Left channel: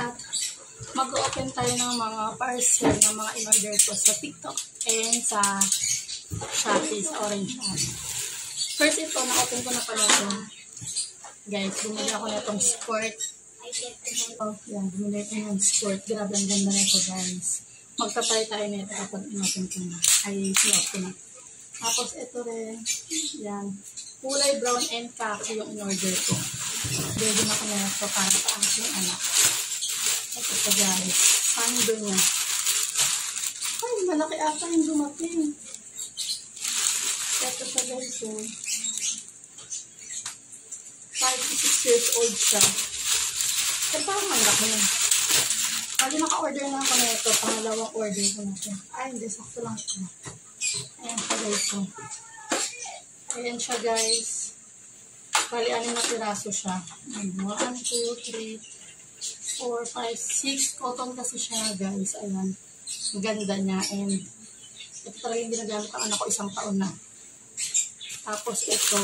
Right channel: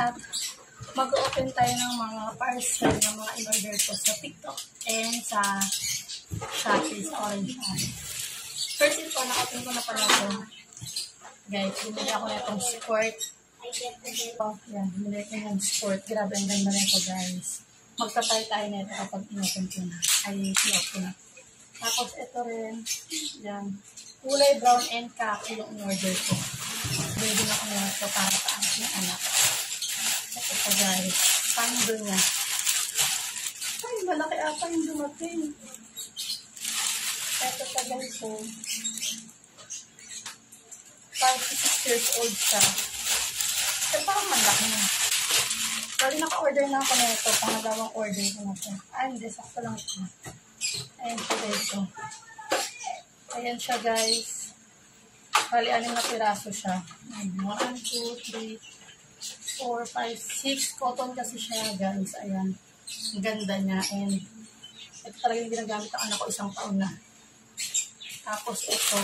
at mag-open tayo ng mga parcel ng mga in-order ko sa TikTok and sa Shopee Orange App. First ito, na-open ko na pala ito. Guys, bumili ako na itong sport. Oh, yan, bumili ko ng sport. Grabe, ang ganda na ito, guys. Magta-try tayo na ito kapag in-open ko na. Ay, i-off ko na. Tapos ito rin, yan. Kulay brown and khaki yung in-order ko. Ready na ko na ito para sa aking anak. Ito po, guys. Pando niya. Ay, malaki ata yung dumating. Ito siya, guys. 5 to 6 years old siya. Eh, parang malaki na. Bali, naka-order na ako na ito. Pangalawang order ko na ito. Ay, hindi. Sakto lang ito. Ayan siya, guys. Ayan siya, guys. Bali, 6 na piraso siya. 1, 2, 3, 4, 5, 6. Cotton kasi siya, guys. Ayan. Ang ganda niya. And ito talaga yung ginagamit ang anak ko 1 taon na. Tapos ito.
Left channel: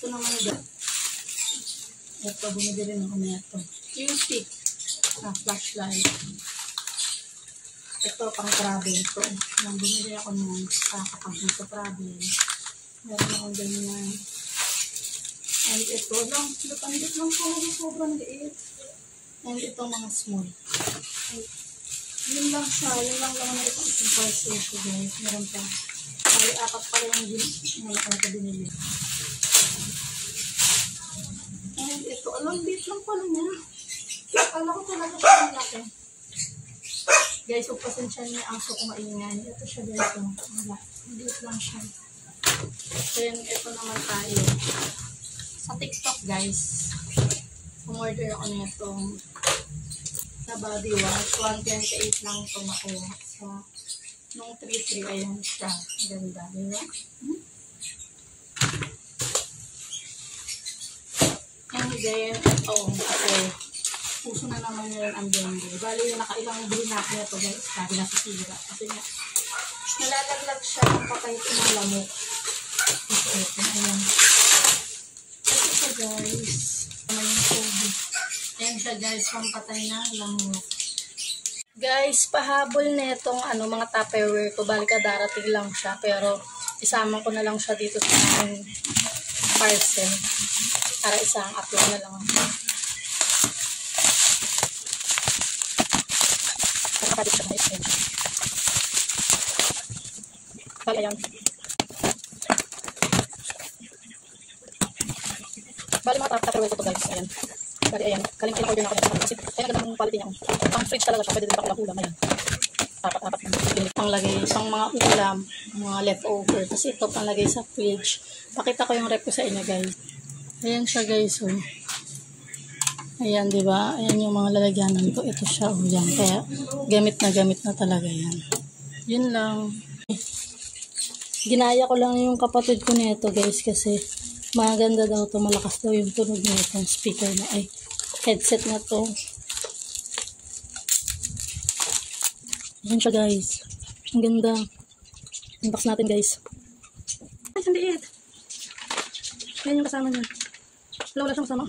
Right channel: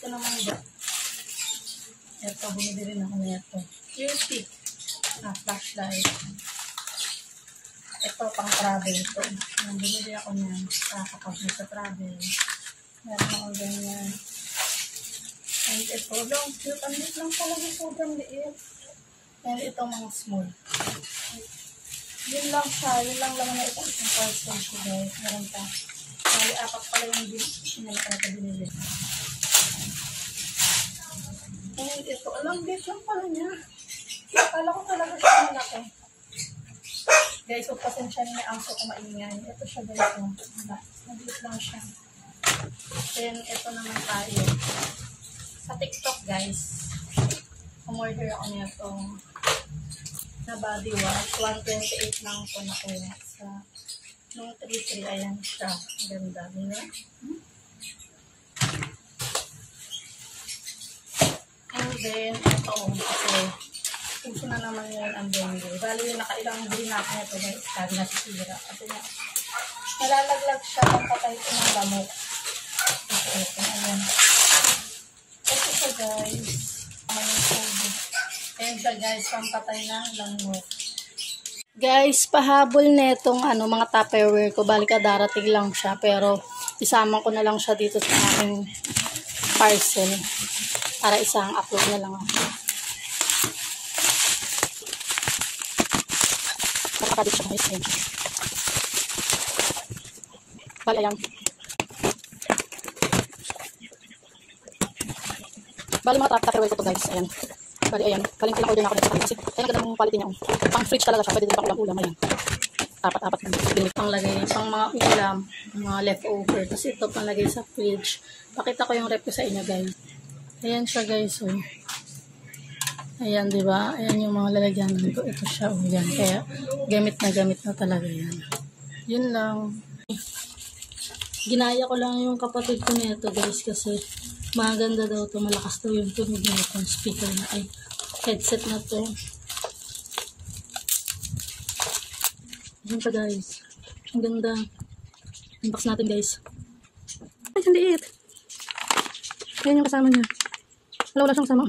Ito naman, guys. Ito, bumili rin ako na ito. Q-stick na flashlight. Ito, pang travel ito. Nang bumili ako niyan sa kapag nagsa-travel. Meron akong ganyan. And ito, long cute. Ang liit lang talaga, sobrang liit. And ito, mga small. Yun lang siya. Yun lang naman na itong isang parcel ko, guys. Meron pa. May 4 pala yung binili. And ito, alam, liit lang pala niya. Akala ko talaga siya malaki. Guys, pasensya niyo na ang so kumaingay. Ito siya, guys. Maliit lang siya. Then, ito naman tayo. Sa TikTok, guys. Umorder ako na itong na body wash. 128 lang ito nakuha. Sa nung 3-3, ayan siya. Ganda, diba? And then, ito, okay. Puso na naman yun ang blender. Bali, nakailang bilhin natin ito, guys. Sabi na sisira. Kasi nga, nalalaglag siya ng patay ito ng lamok. Ito, ayan. Ito siya, guys. Naman yung COVID. Ayan siya, guys, pampatay na lamok. Guys, pahabol na itong mga Tupperware ko. Bali ka, darating lang siya. Pero, isama ko na lang siya dito sa aking parcel. Para isang upload na lang ako. Nakakadit siya, guys. Bali, ayan. Bali, mga Tupperware ko to, guys. Ayan. Bali, ayan. Kaling order na ako dito. Kasi, ayan, ganda ng quality niya. Pang fridge talaga siya. Pwede din pang ulam. Ayan. Apat. Pang lagay. Pang mga ulam. Mga leftover. Kasi ito, pang lagay sa fridge. Pakita ko yung rep ko sa inyo, guys. Ayan siya, guys. Oh. Ayan, diba? Ayan yung mga lalagyanan ko. Ito siya. Oh, yan. Kaya, gamit na talaga yan. Yun lang. Ginaya ko lang yung kapatid ko nito, guys. Kasi, maganda daw to. Malakas daw yung tunog na itong speaker na. Ay, headset na to. Ayan siya, guys. Ang ganda. Unbox natin, guys. Ay, sandiit. Ayan yung kasama niya. Wala siyang kasama.